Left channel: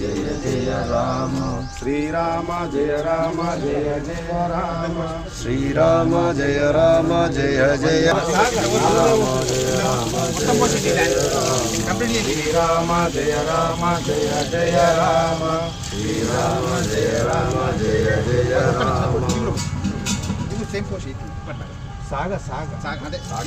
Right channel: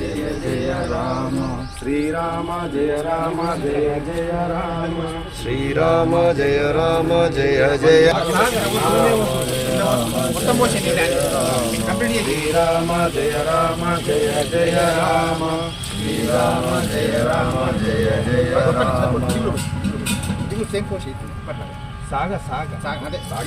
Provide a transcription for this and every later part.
జయ జయ రామ శ్రీరామ జయ రామ జయ జయ రామ శ్రీరామ జయ రామ జయ జయ శ్రీరామ జయ రామ జయ జయ రామ శ్రీరామ జయ రామ జయ జయ రామ సాగ సాగ సాగ అదే సాగ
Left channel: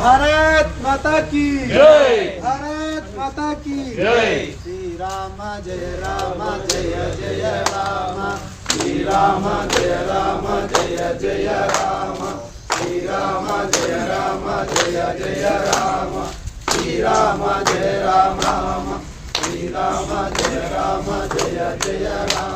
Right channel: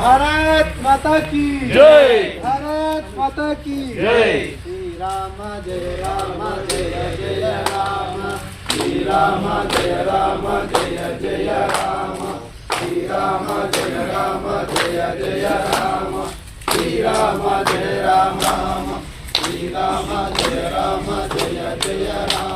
भारत माता की। जय। भारत माता की। जय। श्री राम जय राम जय जय राम। श्री राम जय राम जय जय राम। श्री राम जय राम जय जय राम। श्री राम जय राम। श्री राम जय राम जय जय राम।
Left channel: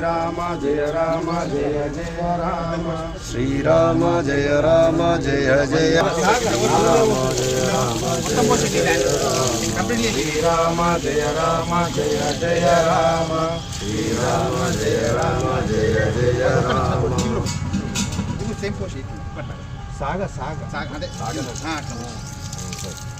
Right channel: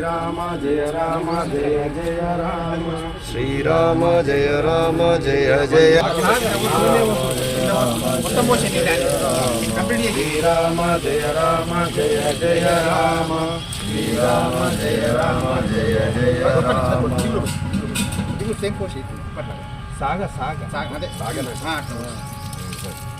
श्री राम जय राम जय जय राम। श्रीराम जय राम जय जय राम। श्री राम जय राम जय जय राम। श्री राम जय राम जय जय राम। साग साग। साग अदे हाँ, सागन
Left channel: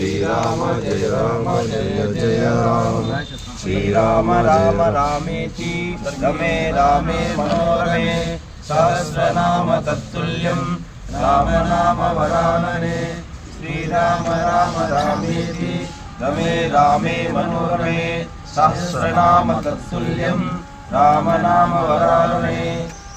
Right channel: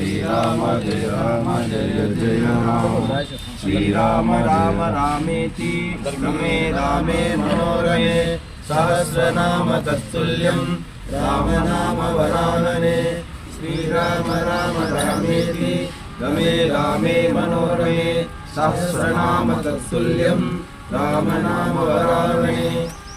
श्रीराम जय राम जय जय राम श्रीराम राम रामेति रमे रामे मनोरमे सहस्रनाम तत्तुल्यं रामनाम वरानने श्रीराम राम रामेति रमे रामे मनोरमे सहस्रनाम तत्तुल्यं रामनाम वरानने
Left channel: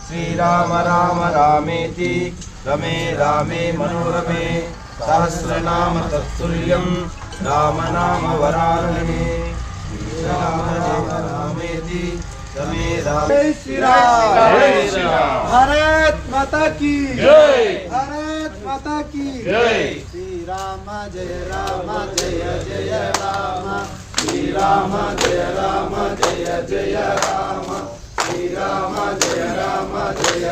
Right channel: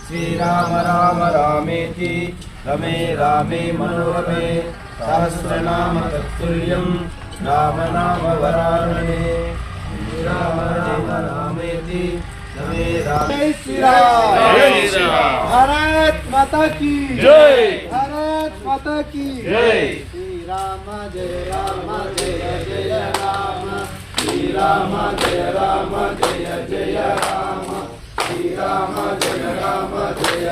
श्री राम राम रामेति रमे रामे मनोरमे सहस्रनाम तत्ल्यम राम नाम वरारणे श्रीराम राम रामेति रमे रामे। श्रीराम। भारत माता की। जय। भारत माता की। जय। श्री राम जय राम जय जय राम। श्री राम जय राम जय जय राम। श्री राम जय